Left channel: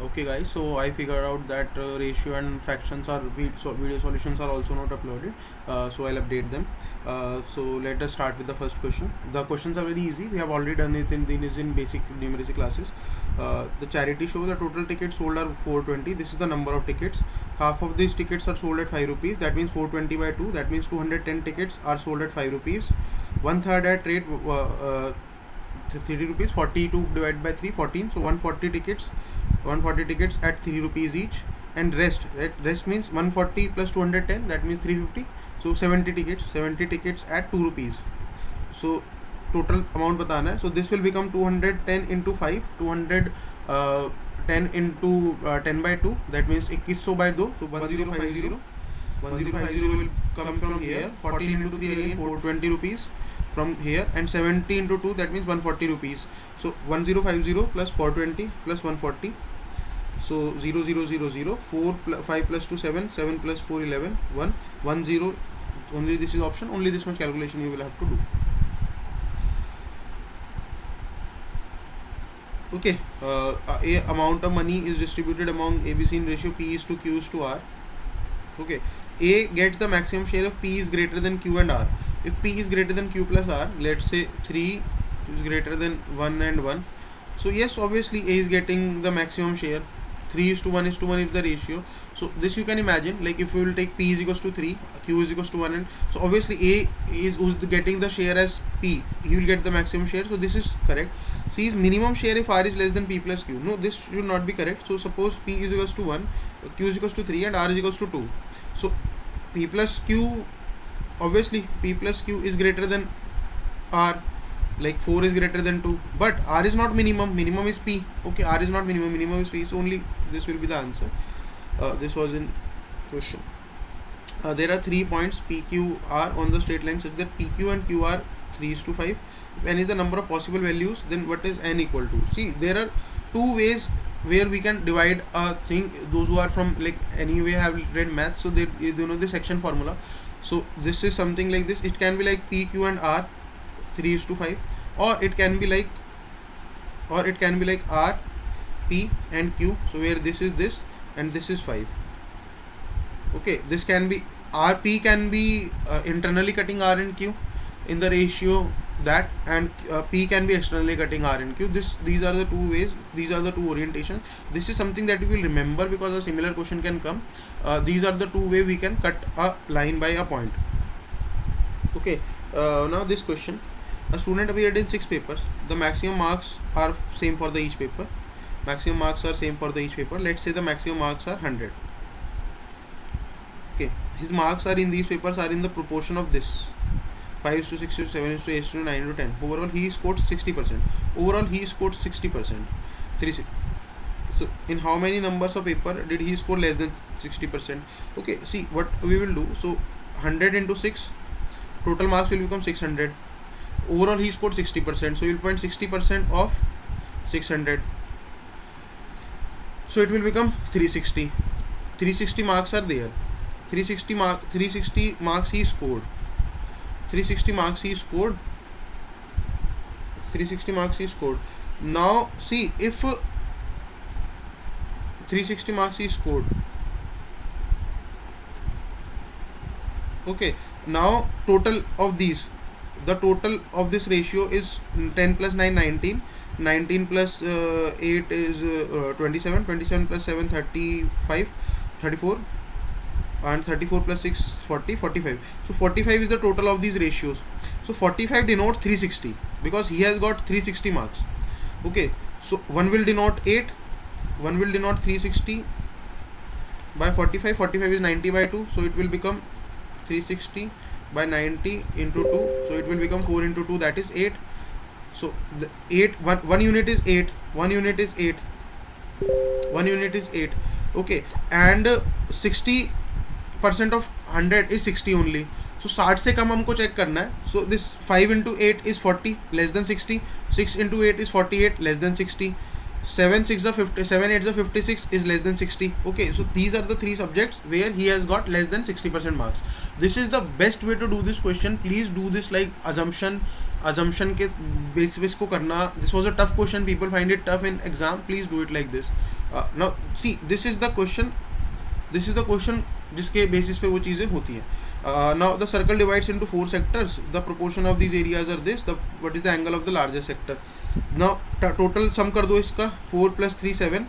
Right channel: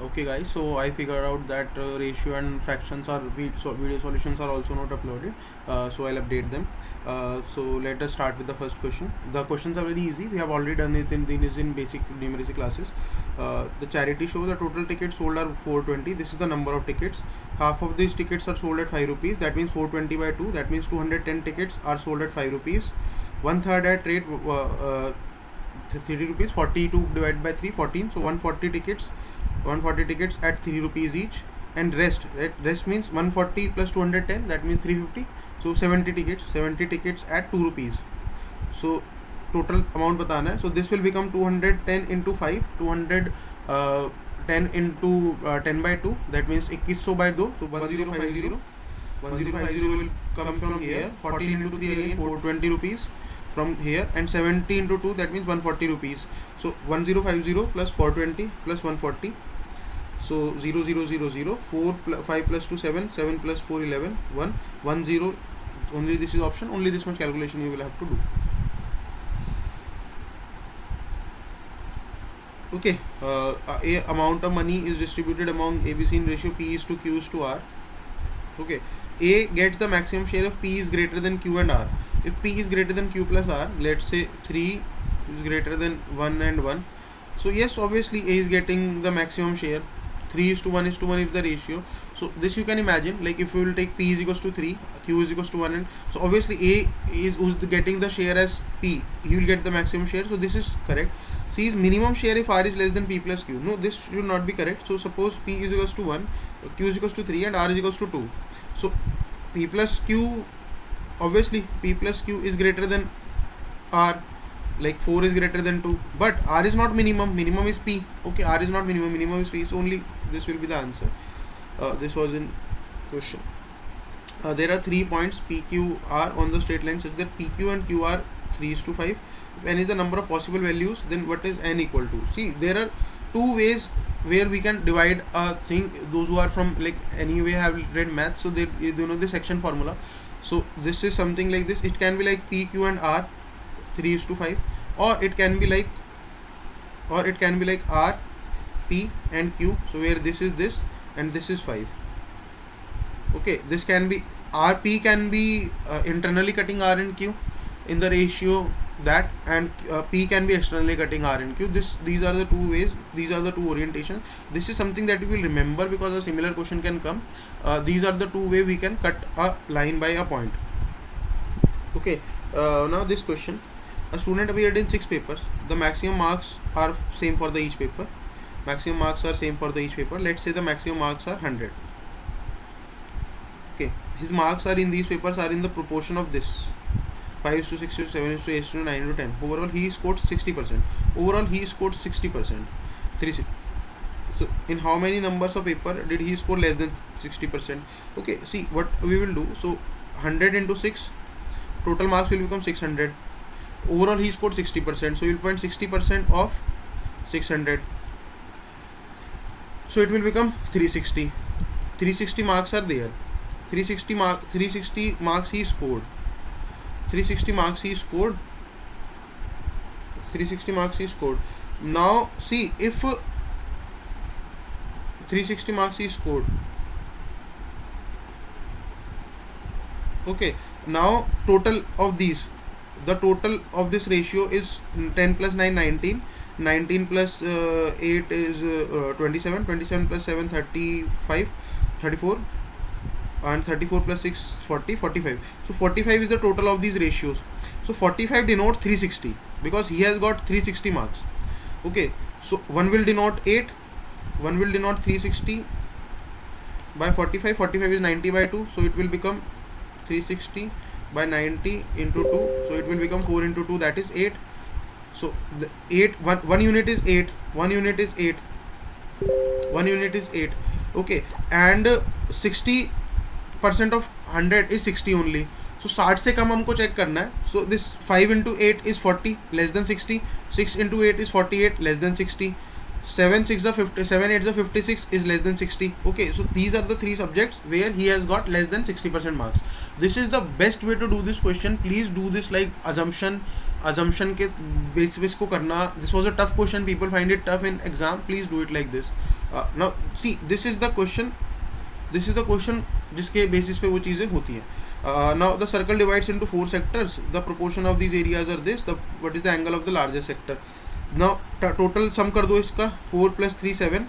Okay guys, so I figured out that ratio and fractions are video solutions are also not uploaded, so I'll update them. So let us start with the first question. The questions are very easy. We have already done it in basic numeracy classes. The charity show, the total tickets sold are 420. This is the number of tickets. Half of these tickets are sold at 5 rupees. That means 420 by 2. That means 210 tickets are sold at 5 rupees. One third at rate 30 rupees. 42 divided by 3, 14. So 140 tickets at 3 rupees each, and rest means 140 plus 210, that means 350. So 70 tickets at 2 rupees. So total amount बताना है. So this will become 210 into 5, 210 into 10 by 2, that means 2100 by 2. So 1050 will come from here. 14 into 3 again 420 rupees from here, and 70 into 2, that means 140 rupees. So 1050 plus 420 plus 140. So 0 0 0 0 4 5 plus 2 7 7 plus 4 11 1 1 0. Only this is option, only this much calculation you will have to do. Okay, a amount of money is distributed among ABC in ratio P is to Q is to R. Okay, A gets the maximum share if P is greater than Q and R. If P is greater than Q plus R, let's say 3 is greater than 1 and 1. So yes, obviously A is getting the maximum share. 3 is to 1 is to 1 is the ratio. So this you can imagine, like if we will take P is equals to 3, Q is equals to 1, and so obviously A is who's getting the share as P, he will get the maximum share. So this is correct. C is minimum share if R is less than P plus Q. No, this should not be correct. So suppose P is equals to 1, Q is equals to 3, and R is equals to 2. So P plus Q, obviously P plus Q is greater than R, like 4 is greater than 2, but R is not minimum, minimum is P. Okay, R is not minimum, minimum is P, so only this will be the answer. This was in question. There are 3 points PQR on the straight line such that PQ and Q are 3 is to 5. If n is the number of possible values, then what is n equal to? See, there are two ways where we can divide a thing. Those who are from like anyway have read math, so they know the section formula. So this is something like this. It can be like P, Q and R 3 is to 5, or it can be like R, P and Q. So where this is this and this is 5. Okay, this can be RP can be internally cutting R and Q in the ratio that, and P can be externally cutting R and Q. These are the two ways, these are the two orientations. This is something that we will remember because a similar question can come. These are the two way we can cut a line by a point. Okay, now this question. A student appeared in 6 papers. The maximum marks are same for the each paper. Maximum marks are same for the each paper. Let's say the maximum marks are 100. Okay, his marks are in these papers are in the proportion of this 5 to 6 to 7 to 8 to 9 to 10. Overall he scored 60%. Overall he scored 60%. So in how many numbers of paper did he score less than 60%? Okay, see what we will do. So 100 into 6, total marks will become 600. Overall he scored 60%, so you will point 60% of 600, so it will become 360. 360 marks are there. 360 marks he scored. 360 marks he scored. 360 marks he scored. Now see, if 360 marks he scored. Okay, now total of these, the total of this ratio is 10 plus 9 19, 19 plus 8 is 27, 27 plus 7 35, 34, and 34 plus 6 40, 45. So 45 is the total of these ratios. So 45 denotes 360 because he has got 360 marks. Okay, so one will denote 8, one will denote 360 by 45. 45 is 90 by 2, so it will become 360 by 90 into 2, so it will become 4 into 2, that is 8. So the 1 unit is 8, 1 unit is 8, 1 unit is 8. Okay, and 60% of 100 is 60 only. So 60 से कम हमको check करना है. So this 5 into 8 is 40 less than 60, 6 into 8 is 48 less than 60, 7 6 the 50, 7 8 the 56 is less than 60. Okay, so these are the three subjects where he has got less than 60% marks. This is the best way to do this question. Please do this like assumption के basis को करना. This was a tough question, people find it tough in exam. Please do it like this. Now see, this is the question जिसके basis पे वो चीज़ें होती हैं. Now the circle divides into 4 sectors. The proportion of these areas are this. What is the angle of the largest sector? Now total sum कर दो इसका. 4 plus 3 7,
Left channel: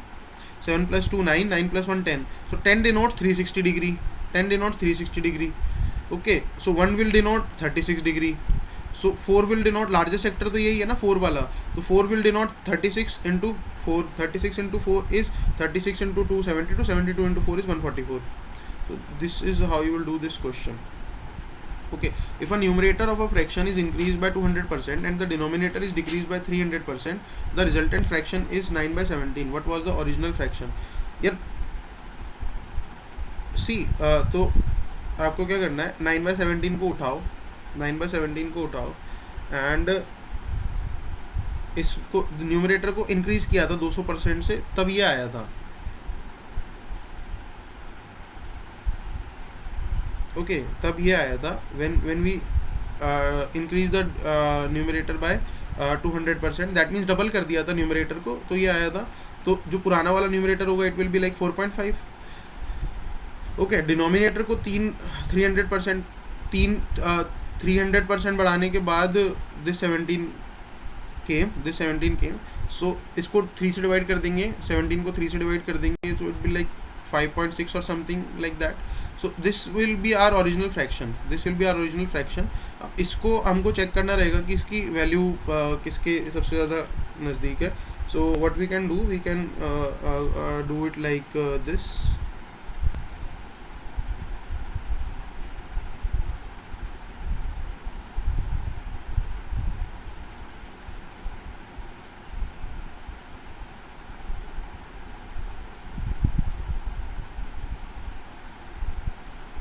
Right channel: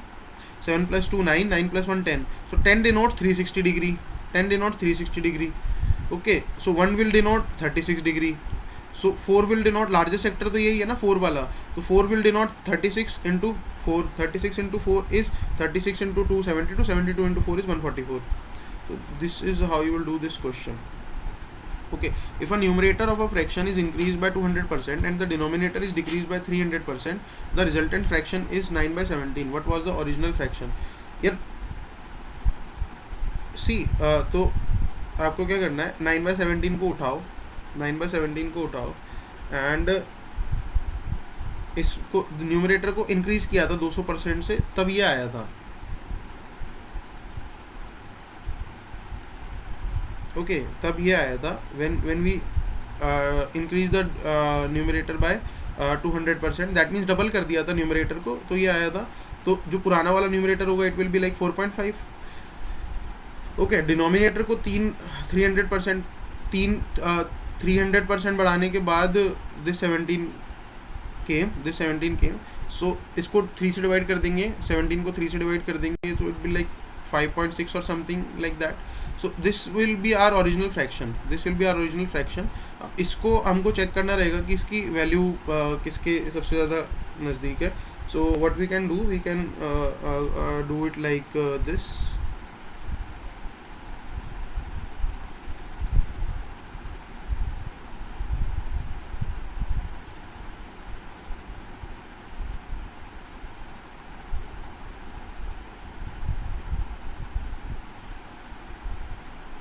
7 plus 2 9, 9 plus 1 10. So 10 denotes 360 degree. 10 denotes 360 degree. Okay, so 1 will denote 36 degree. So 4 will denote largest sector, तो यही है ना 4 वाला. तो 4 will denote 36 into 4. 36 into 4 is 36 into 2 72. 72 into 4 is 144. So this is how you will do this question. Okay, if a numerator of a fraction is increased by 200% and the denominator is decreased by 300%, the resultant fraction is 9 by 17. What was the original fraction? यार see, तो आपको क्या करना है, 9 by 17 को उठाओ, 9 by 17 को उठाओ एंड इसको न्यूमरेटर को इंक्रीज किया था 200% से, तब ये आया था. ओके, तब ये आया था when we increase the numerator by 200%, that means double कर दिया था न्यूमरेटर को, तो ये आया था. तो जो पुराना वाला न्यूमरेटर होगा it will be like 4.5. Okay, denominator को 300% 300% बढ़ाने के बाद दिस 17 केम. सो इसको 3 से डिवाइड कर देंगे, 17 को 3 से डिवाइड कर देंगे, तो it be like 5.6 or something like that. So this will be our original fraction. इसको हमको चेक करना रहेगा कि इसकी वैल्यू किसके सबसे ज़्यादा नज़दीक है. So what we can do, we can do it like this.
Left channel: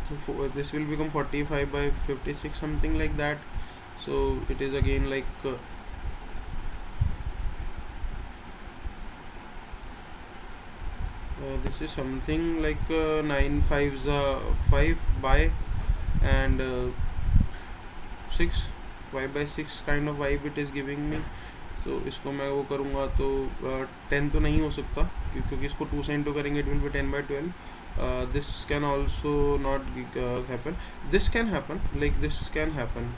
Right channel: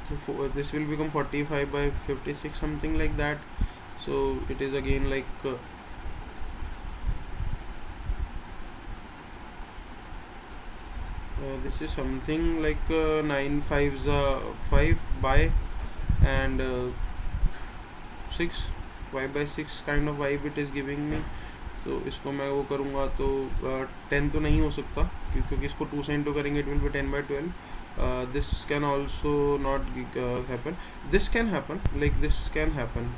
So this will become 45 by 56, something like that. So it is again like this is something like 9 5s 5 by and 6 5 by 6 kind of vibe it is giving me. So इसको मैं वो करूँगा तो 10 तो नहीं हो सकता, क्योंकि इसको 2 से इंटू करेंगे, it will be 10 by 12. This can also not happen. This can happen, like this can happen.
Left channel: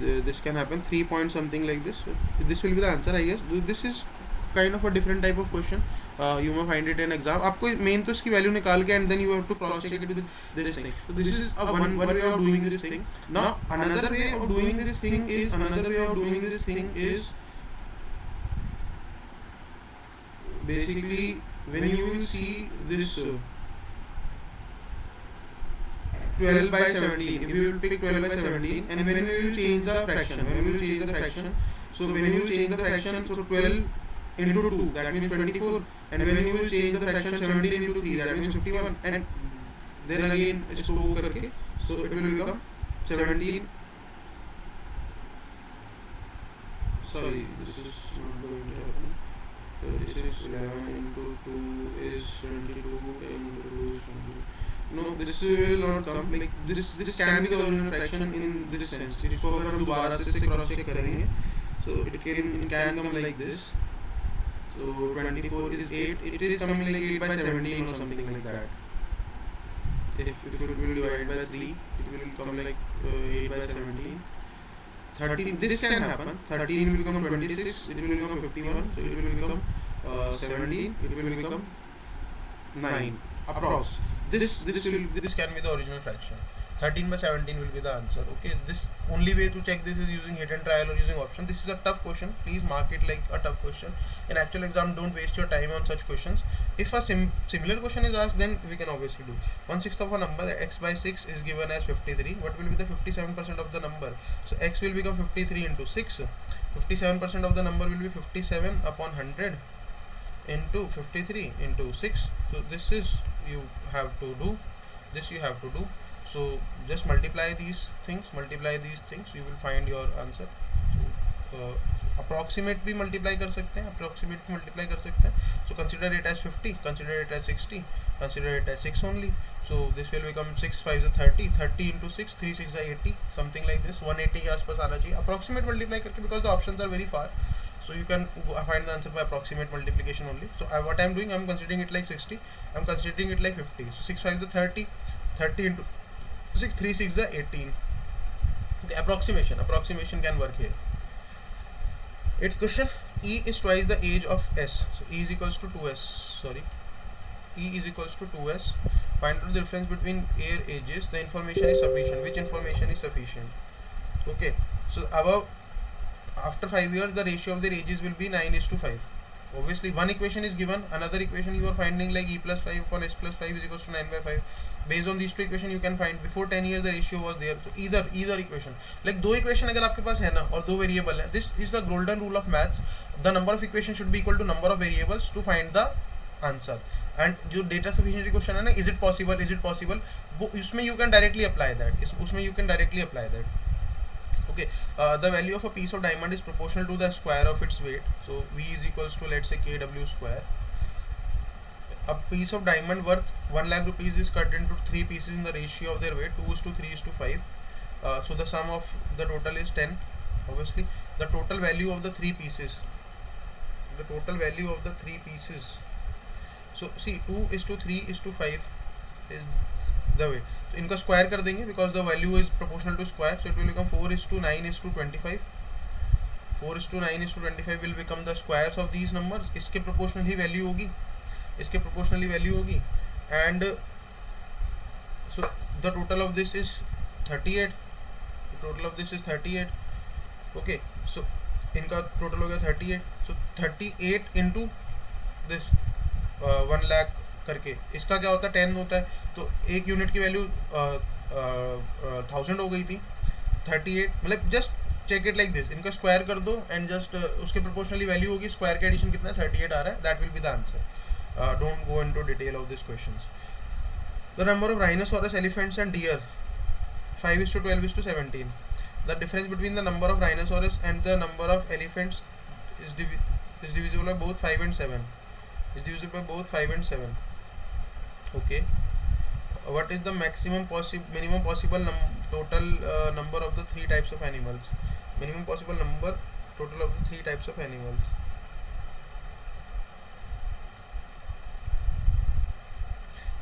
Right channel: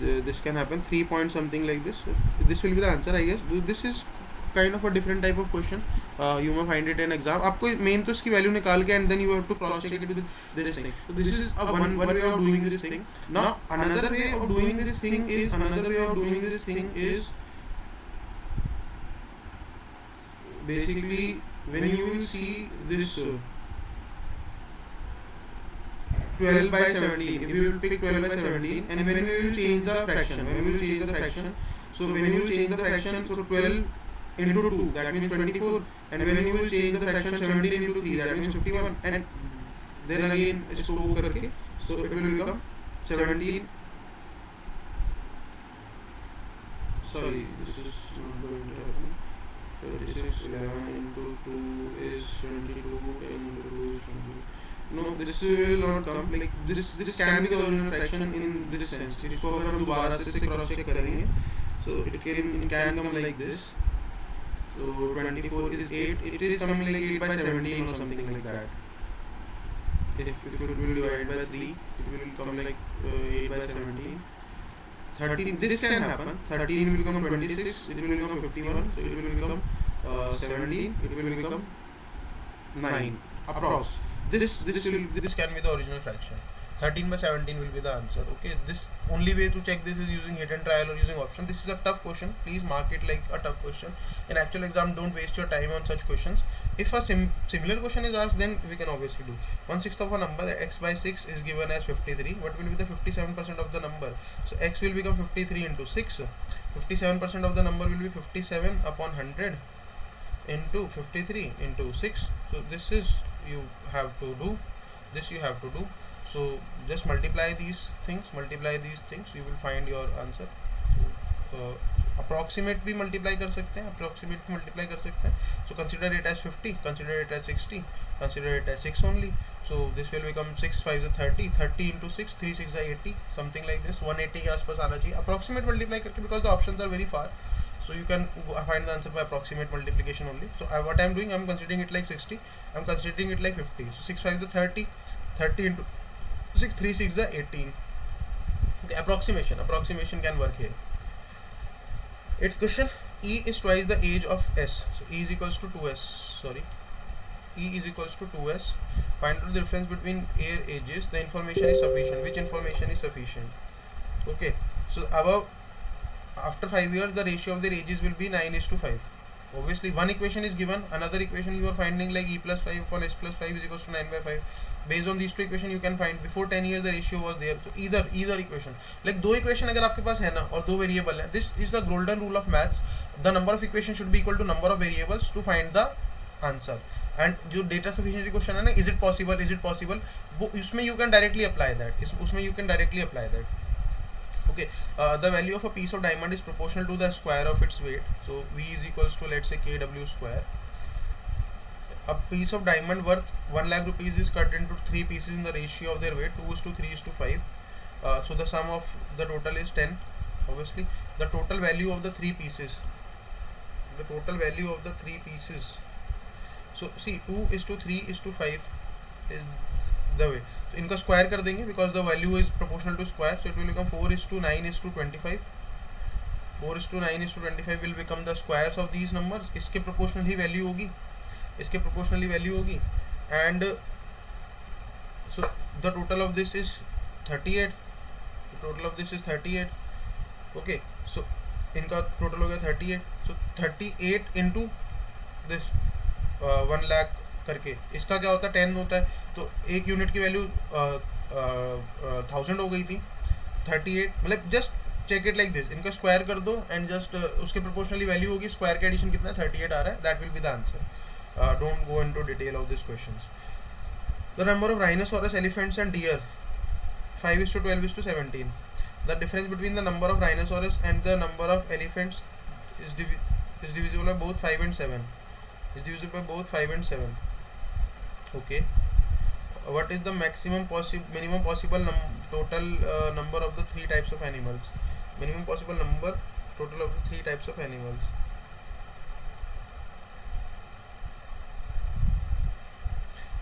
This can happen 3 point something like this. This will be the answer, I guess. This is kind of a different type of question. You may find it in exam. आपको main तो इसकी value निकाल के and then you have to cross check it with this thing. So this is a one way of doing this thing. Now another way of doing this thing is basically when you will see this 12 by 17, if you will pick 12 by 17 and when we will change the fraction, so when you will change the fraction, so 12 into 2, that means 24, and when you will change the fraction 17 into 3, that means 51, and then again इसको वो करके, so it will become 17. Sorry, this is not going to happen. 36 11 into 2 is 22 into 2 is 20. No, this will not come. Like this can be the original fraction in this sense. इसको अगर हम दोबारा से cross check करेंगे, so it can come like this. So 24 is 8. It is coming like 8 by 17 or something like that. If it will divide by 3, it will come like 8 by 17. 13, this can happen. 13 will become 26, it will become 51, so it will become 17, it will become 9 approx. This can be the original fraction. 13 by 17 will be the answer. Okay, this only way to check this is using hit and trial or using option. This is a tough question. Please mark it like a tough question. In actual exam, don't waste your time on such questions. If a similar question is asked, then we can obviously do. 1/6 of a number, x by 6 is given as 53. What will be the 57% of the number? So x will become 53 into 6. 57% of the number will be 57 upon 100 into 53 into 6. So this is you have to do. So just multiply these things, you will find your answer. So approximate भी multiply कर सकते हैं, so consider it as 50, consider it as 60, consider it as 6 only. So this will become 6 5 30, 30 into 6, 3 6 80, something like this. 180 के आसपास आना चाहिए approximate multiply करके, because the options are very far. So you can find the answer by approximate multiplication only. So what I am doing, I am considering it like 60, I am considering it like 50. So 6 5 is 30, 30 into 6, 3 6 is 18. Okay, approximation can work here. Eighth question, E is twice the age of S. So E is equals to 2S. Sorry, E is equals to 2S. Find out the difference between their ages. The information is sufficient. Which information is sufficient? Okay, so above, after 5 years the ratio of their ages will be 9:5. Obviously one equation is given, another equation you are finding like E plus 5 upon S plus 5 is equals to 9/5. Based on these two equation you can find before 10 years the ratio was there. So either equation, like दो equation अगर आपके पास है ना और दो variable है, this is the golden rule of maths. The number of equation should be equal to number of variables to find the answer. And जो data sufficiency question है ना, इज इट पॉसिबल, वो इसमें you can directly apply that, उसमें you can directly apply that. Okay, the value of a piece of diamond is proportional to the square of its weight. So V is equals to, let's say, kW square. A piece of diamond worth 1 lakh rupees is cut into 3 pieces in the ratio of their weight 2:3:5. So the sum of the total is 10. Obviously the total value of the 3 pieces, so see 2:3:5 is the weight. So इनका square कर देंगे because the value is proportional to square, so it will become 4:9:25. 4:9:25 will become the squares of these numbers. इसके proportionally value होगी, and so the total of this is 38. Okay, so इनका total हो गया 38. so 38 into this 1 lakh करके, इसका क्या होता है 10 होता है, तो एक यूनिट की वैल्यू 1000 हो गई थी. 38 मतलब just check it like this, इनका स्क्वायर कर दो एंड जस्ट उसके प्रोपोर्शनली वैल्यू होगी, स्क्वायर का एडिशन कितना है 38 आ रहा है, that will be the answer. Don't go into detail of this questions. The number of rhinoceros, elephants and deer 5:12:17. The difference between the number of rhinoceros and the number of elephants is divisible by both 5 and 7. Okay, what is the minimum possible total number of the 3 types of animals? Minimum possible number total of the 3 types of animals.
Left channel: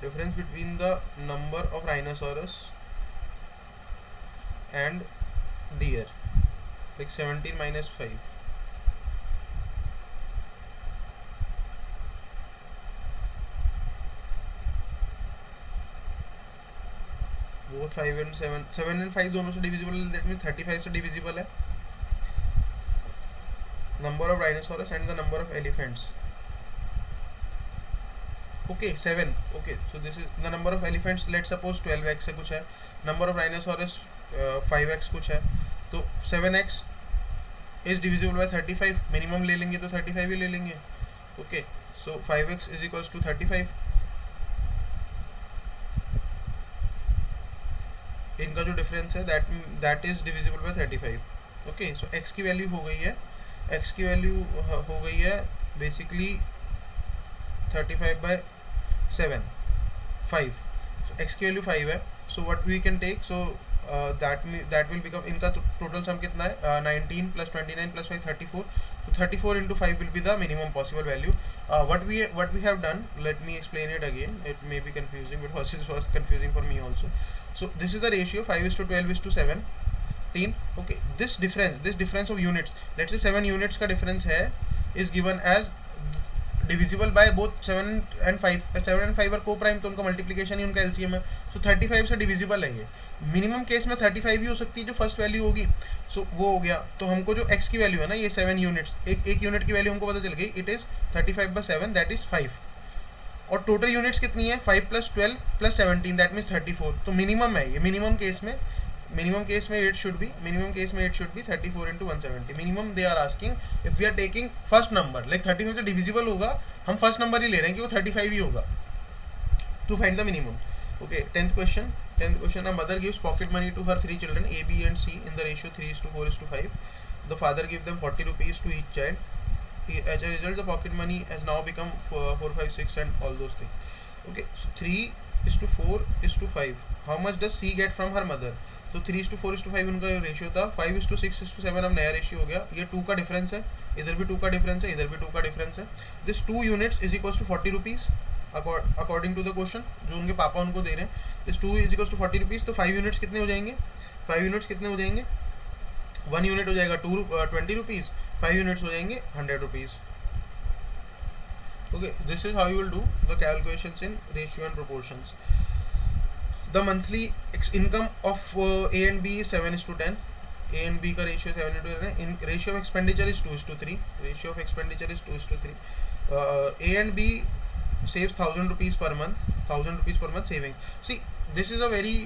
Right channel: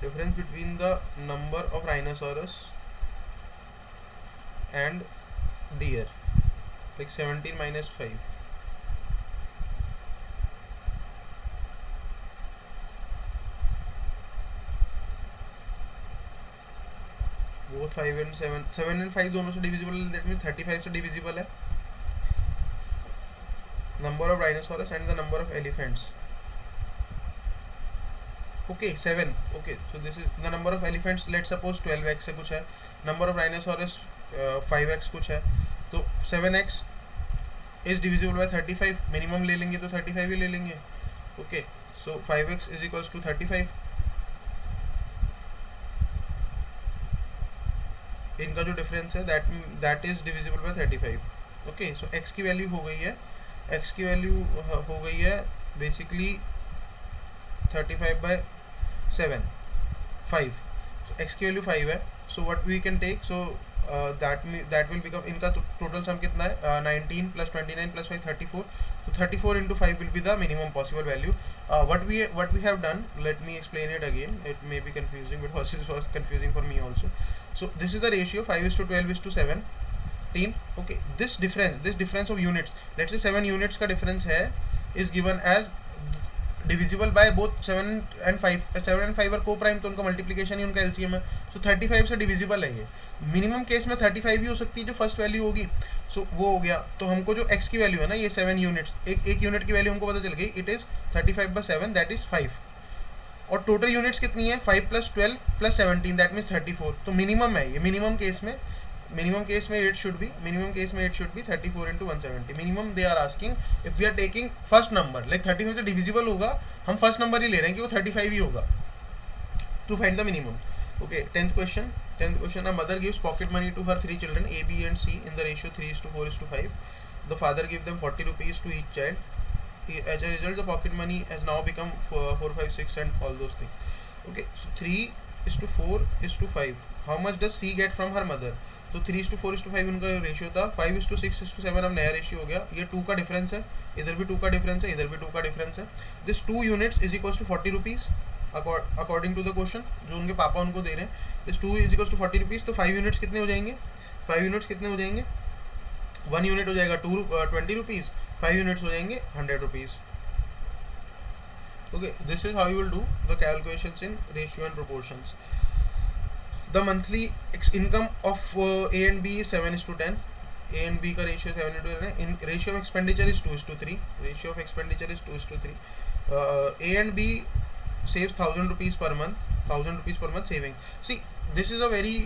Difference between the number of rhinoceros and deer, like 17 minus 5. both 5 and 7 and 5 दोनों से divisible, that means 35 से divisible है. Number of rhinoceros and the number of elephants. Okay 7. Okay, so this is the number of elephants, let suppose 12x से कुछ है, number of rhinoceros 5x कुछ है, तो 7x is divisible by 35. Minimum ले लेंगे तो 35 ही ले लेंगे. Okay, so 5x is equals to 35. इनका जो डिफरेंस है that is divisible by 35. Okay, so x की वैल्यू हो गई है बेसिकली 35/7 5. so x की वैल्यू 5 है. So what we can take, so that will become, इनका टोटल सम कितना है 19 + 29 + 5 34. so 34 into 5 will be the minimum possible value. What we have done, let me explain it again, it may be confusing because it was confusing for me also. So this is the ratio 5:12:17. okay, this difference of units, let's say 7 units का difference है, is given as divisible by both 7 and 5. 7 and 5 और को prime, तो उनका multiplication ही उनका LCM है. सो 35 से divisible है ये. मिनिमम केस में 35 भी हो सकती है जो फर्स्ट वैल्यू होगी. सो वो हो गया. तो हमको जो x की वैल्यू है ना, ये 7 यूनिट्स, एक यूनिट की वैल्यू हमको पता चल गई, इट इज़ 35/7, दैट इज़ 5. और टोटल यूनिट्स कितनी है 5 + 12 + 17, दैट मीन्स 34. तो मिनिमम है ये. मिनिमम केस में it should be 34 into 170. minimum they are asking if we are taking first number, like 35 से divisible होगा, हम फर्स्ट नंबर ही ले रहे हैं कि वो 35 ही होगा, to find the minimum. Okay, 10th question. 10th question, a mother gives pocket money to her 3 children A, B and C in the ratio 3:4:5. The father gives them 40 rupees to each child. As a result, the pocket money has now become 4, 5, 6 and all those things. Okay, so 3:4:5. How much does C get from her mother? तो 3:4:5 उनका ratio था. 5:6:7 अब नया ratio हो गया. ये 2 का difference है, इधर भी 2 का डिफरेंस है, इधर भी 2 का डिफरेंस है. This 2 units is equals to 40 rupees according to the question जो उनके पापा उनको दे रहे हैं. This 2 is equals to 40 rupees. तो 5 यूनिट्स कितने हो जाएंगे? 5 यूनिट्स कितने हो जाएंगे? 1 यूनिट हो जाएगा 20 रुपीज़. 5 यूनिट्स हो जाएंगे 100 rupees. Okay, this is how you will do the calculations in ratio and proportions. The monthly income of A and B is 7:10. A and B का ratio 7:10 है. In ratio of expenditure is 2:3. Ratio of expenditure is 2:3. A and B saves 1,000 rupees per month. 1,000 rupees per month savings. See, this is a very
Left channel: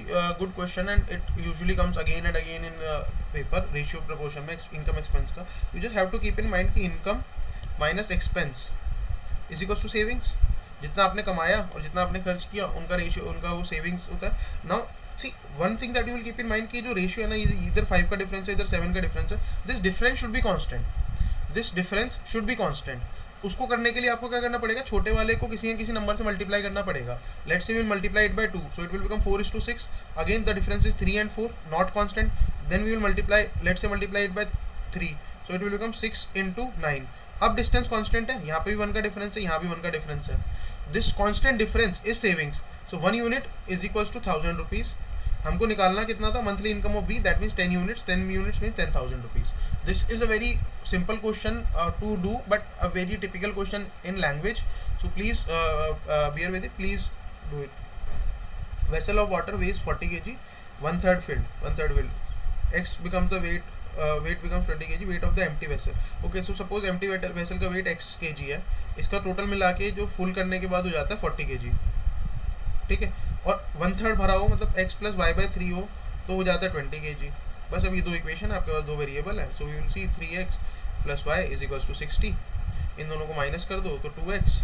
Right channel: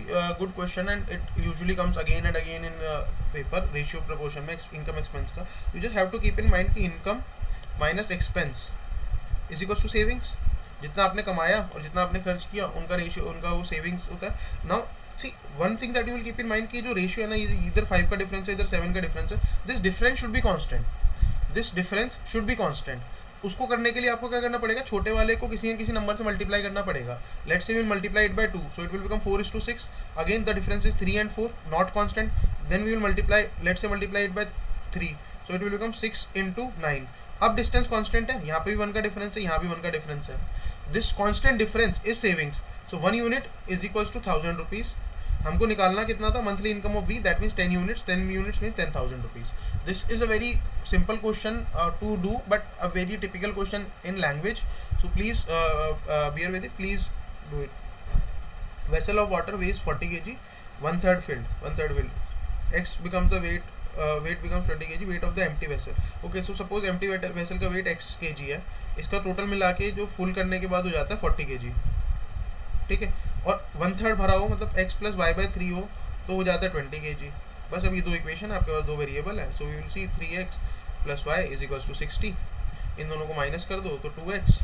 good question and it usually comes again and again in paper. Ratio proportion में income expense का. You just have to keep in mind कि income minus expense is equals to savings. जितना आपने कमाया और जितना आपने खर्च किया उनका रेशियो, उनका वो सेविंग्स होता है. Now see one thing that you will keep in mind कि जो रेशियो है ना, इधर 5 का डिफरेंस है, इधर 7 का डिफरेंस है. This difference should be constant. This difference should be constant. उसको करने के लिए आपको क्या करना पड़ेगा? छोटे वाले को किसी न किसी नंबर से मल्टीप्लाई करना पड़ेगा. Let's say we will multiply it by 2, so it will become 4:6. Again the difference is 3 and 4, not constant. Then we will multiply, let's say multiply it by 3, so it will become 6 into 9. अब distance constant है, यहाँ पे भी 1 का difference है, यहाँ भी 1 का डिफरेंस है. This constant difference is savings. So 1 unit is equals to 1,000 rupees. हमको निकालना कितना था? Monthly income of B, that means 10 units. 10 units mean 10,000 rupees. This is a very simple question to do but a very typical question in language. So please bear with it, please do it. Vessel of water weighs 40 kg, 1/3 filled. X becomes the weight becomes 20 kg, weight of the empty vessel. Okay, so suppose empty vessel का weight x kg है. इसका total मिला के जो full करने के बाद हो जाता है 40 kg. ठीक है, और 1/3 भरा हो मतलब x प्लस वाई बाई 3 हो तो हो जाता है 20 kg. बस अभी 2 इक्वेशन है आपके पास, 2 वेरिएबल है. So we will see 3x plus Y is equals to 60. इन दोनों को माइनस कर दो तो 2x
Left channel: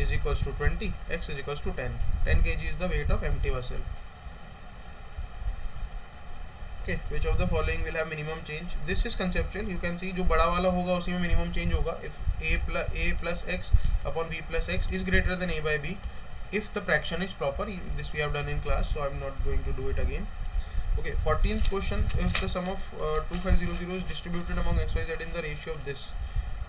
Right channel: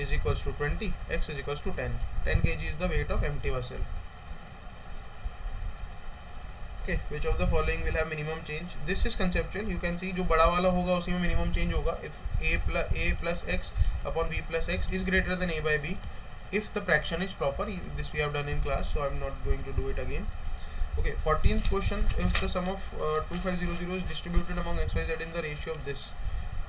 is equals to 20, x is equals to 10. 10 kg is the weight of empty vessel. Okay, which of the following will have minimum change? This is conceptual. You can see जो बड़ा वाला होगा उसी में minimum change होगा. If a plus x upon b plus x is greater than a by b, if the fraction is proper. This we have done in class, so I'm not going to do it again. Okay, 14th question. If the sum of 2500 is distributed among x, y, z in the ratio of this,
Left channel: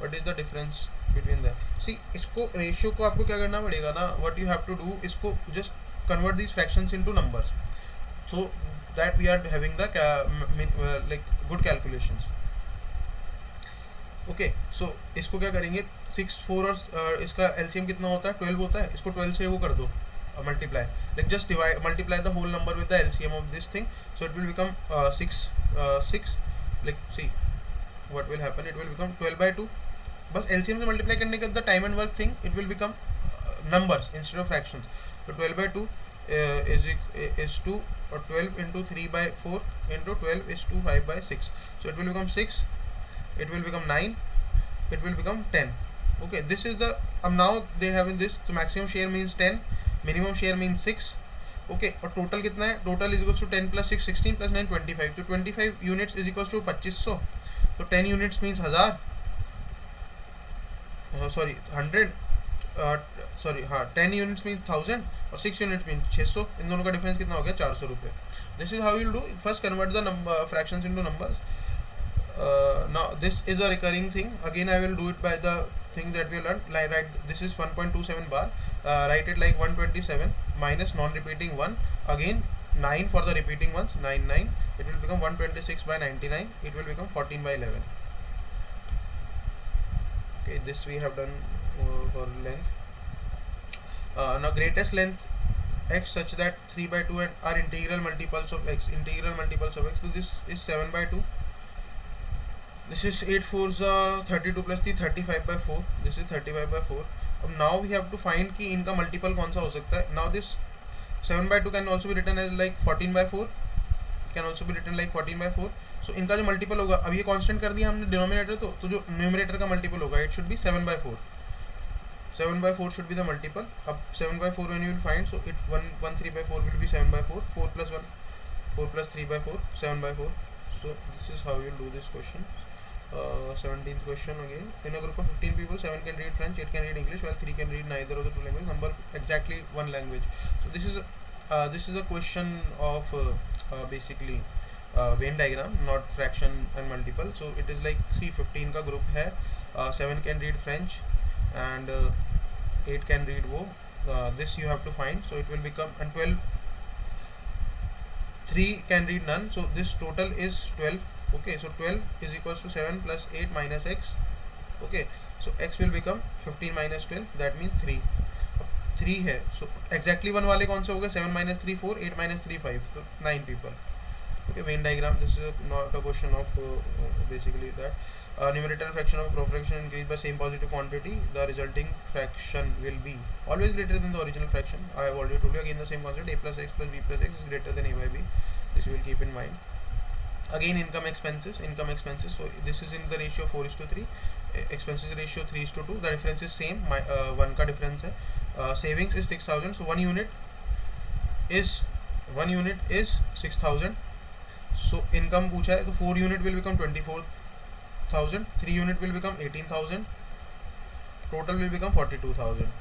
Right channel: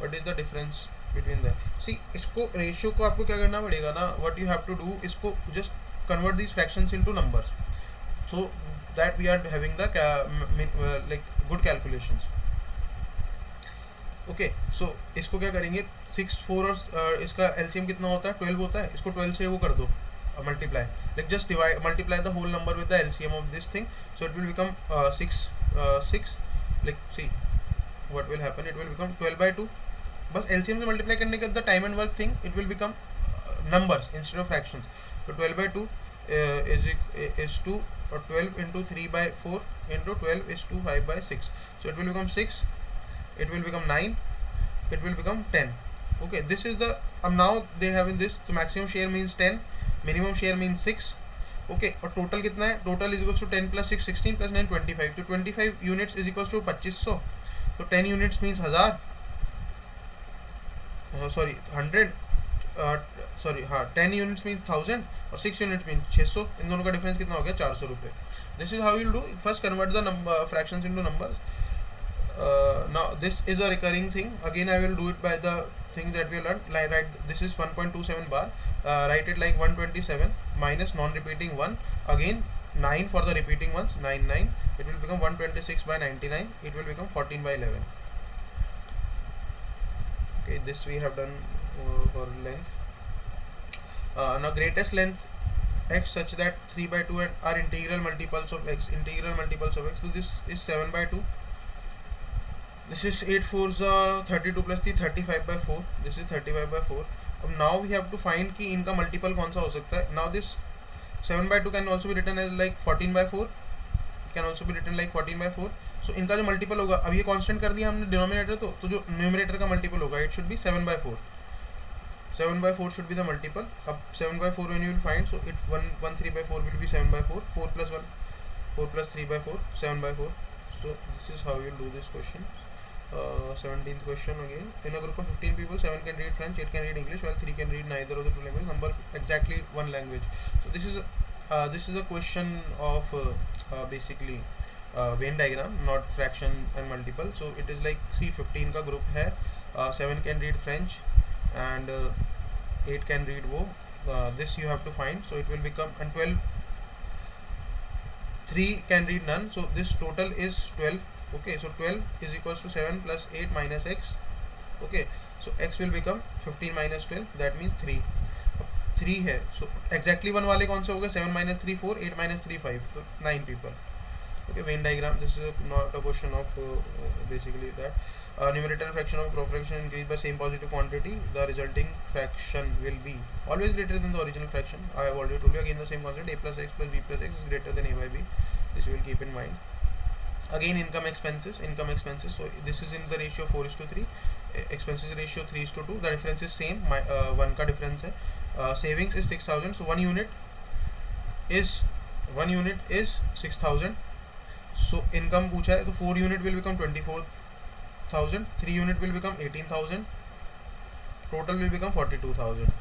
what is the difference between that? See, इसको ratio को आपको क्या करना पड़ेगा ना? What you have to do, इसको just convert these fractions into numbers. So that we are having the like good calculations. Okay, so इसको क्या करेंगे? 6, 4 और इसका LCM कितना होता है? 12 होता है. इसको 12 से वो कर दो multiply. Like just multiply the whole number with the LCM of this thing, so it will become 6. Like see what will happen, it will become 12 by 2. बस LCM से मल्टीप्लाई करने के the time and work thing, it will become numbers instead of fractions. So 12 by 2 is 2, or 12 into 3 by 4 into 12 is 2, 5 by 6. So it will become 6, it will become 9, it will become 10. Okay, this is the now they have in this. So maximum share means 10, minimum share means 6. Okay, और total कितना है? Total is equals to 10 plus 6 16 plus 9 25. So 25 units is equals to 2500. So 10 units means 1000. Sorry, 100. Sorry हाँ, 10 units means 1000 और 6 units means 600. इन दोनों का difference कितना हो गया? 400 रुपये. This is how you will do. First convert the fractions into numbers. Now this is a recurring thing. Again I will do it by the thing that we learn. Like right, this is 1.27 bar. Write it like 127 minus non repeating 1. Again 9 for the repeating ones. 9 it will become 126 by 99. It will become 14 by 11. Okay, this we have done for length. Now greatest length x such that 3 by 2 and are integral multiples of x. Integral multiples of x. So this is 7 by 2. This is 8 4s 32 plus 3 35 by 4. This is 35 by 4. अब now we have to find कि इनका multiple कौन सा हो सकता है. Now this 7 by 2 can also be written as like 14 by 4. Can also be written like 14 by 4. So इनका जो मल्टीपल होगा, अब ये कांस्टेंट कर दिया हमने डिनोमिनेटर, तो जो न्यूमरेटर का मल्टीपल होगा it should be 7 by 4. 7 by 4 should be the multiple. Up 7 by 4 when you will find, so it 1 3 by 4 will be 7 by 4. 4 plus 1, 4 plus 3 by 4, 7 by 4. So this is how you'll do this question. 17th question again. In a group of 15 people, 7 can read French, 8 can read English, while 3 can read neither of the two languages. Number exactly one language. So this is a question of basically Venn diagram, not fraction and multiple. So it is like, see, 15 का group है, 7 can read French and 8 can read वो. This you have to find. So it will become, and 12, 3 can read none. So this total is 12. Okay, so 12 is equals to 7 plus 8 minus x. Okay, so x will become 15 minus 12, that means 3. 3 है, so exactly one वाले कौन से हो गए? 7 minus 3 4, 8 minus 3 5, so 9 people. Okay, Venn diagram. This is not a question of basically that. Numerator and fraction of a fraction increased by same positive quantity, the resulting fraction will be always greater than the original fraction. I have already told you. Again the same concept, a plus x plus b plus x is greater than a by b. This you will keep in mind. Again income expenses. So this is in the ratio 4:3. Expenses ratio 3:2. The difference is same. 1 का difference है. Savings is 6,000. So 1 unit is 6,000. So income पूछा है, तो 4 unit will become 24,000. 3 unit will become 18,000. Total will become 42,000.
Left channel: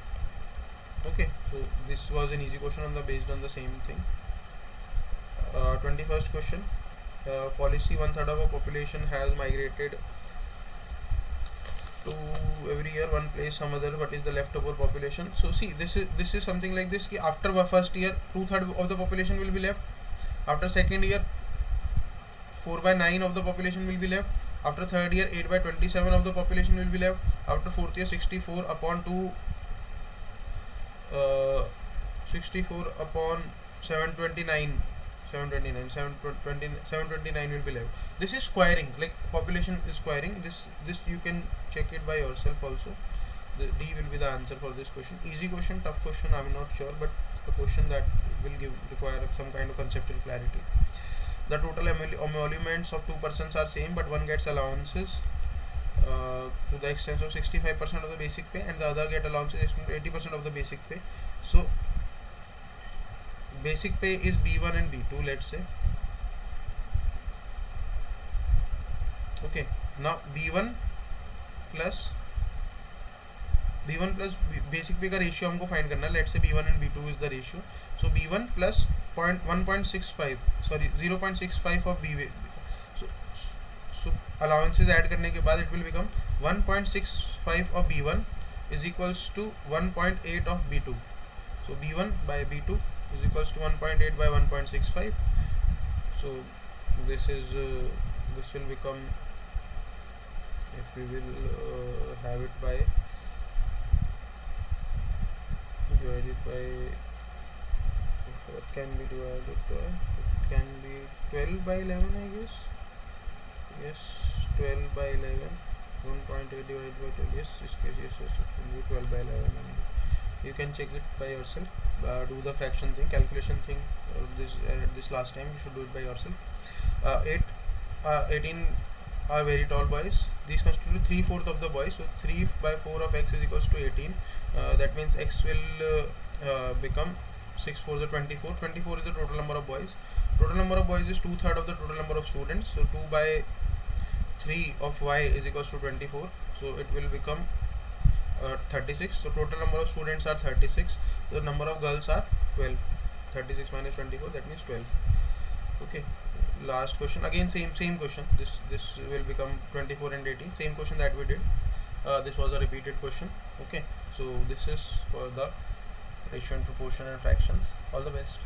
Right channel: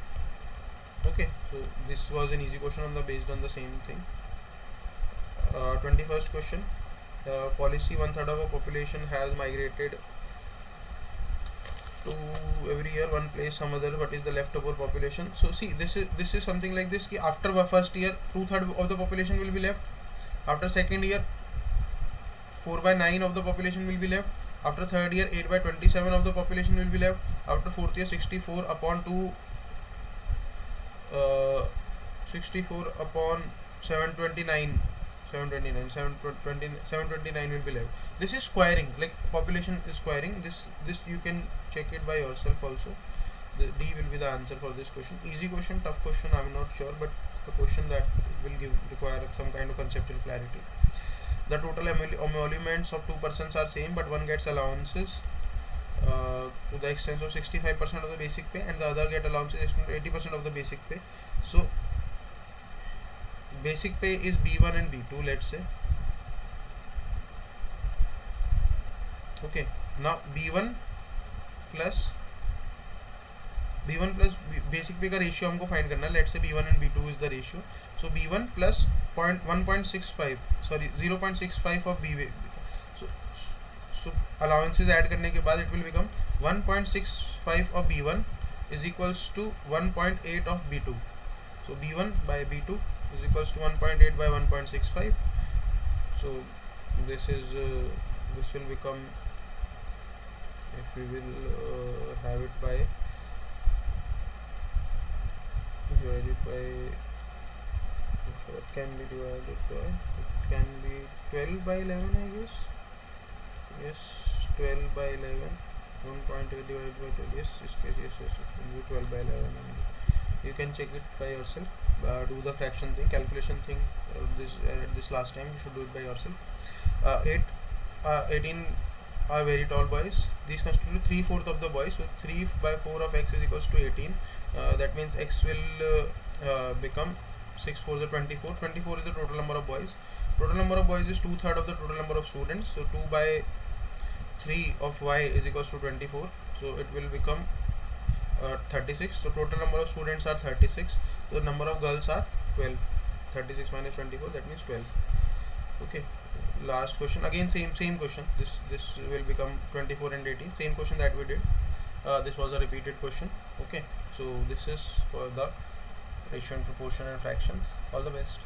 Okay, so this was an easy question based on the same thing. 21st question. Policy, 1/3 of a population has migrated to every year one place some other. What is the leftover population? So see, this is something like this, कि after first year 2/3 of the population will be left. After second year 4/9 of the population will be left. After third year 8/27 of the population will be left. After fourth year 64 upon 729 will be left. This is squaring, like population is squaring. This you can check it by yourself also. The D will be the answer for this question. Easy question, tough question, I'm not sure, but a question that will require some kind of conceptual clarity. The total emoluments of 2 persons are same, but one gets allowances to the extent of 65% of the basic pay, and the other get allowances extent to 80% of the basic pay. So basic pay is B1 and B2, let's say. Okay, now B1 plus basic pay का ratio हमको find करना है. Let's say B1 and B2 is the ratio. So B1 plus 0.65 of B. So allowances add करने के बाद it will become 1.65 of B1 is equals to 1.8 of B2. So B1 by B2 is equals to 1.8 by 1.65. So this will become, if we will have it by divided by, what can be divided by, it can be 12 by 11, I guess. Yes, 12 by 11. 1.8 divided by 12. Yes, it will be 12 by 11 only. You can check it by yourself. Do the fraction thing, calculation thing. This last time you should do it by yourself. 18 are very tall boys. These constitute 3/4 of the boys. So 3 by 4 of x is equals to 18. That means x will become 6 4 the 24. 24 is the total number of boys. Total number of boys is 2/3 of the total number of students. So 2 by 3 of y is equals to 24. So it will become 36. So total number of students are 36. The number of girls are 12. 36 minus 24, that means 12. Okay, last question. Again same question. This will become 24 and 18. Same question that we did. This was a repeated question. Okay, so this is for the ratio and proportion and fractions. All the best.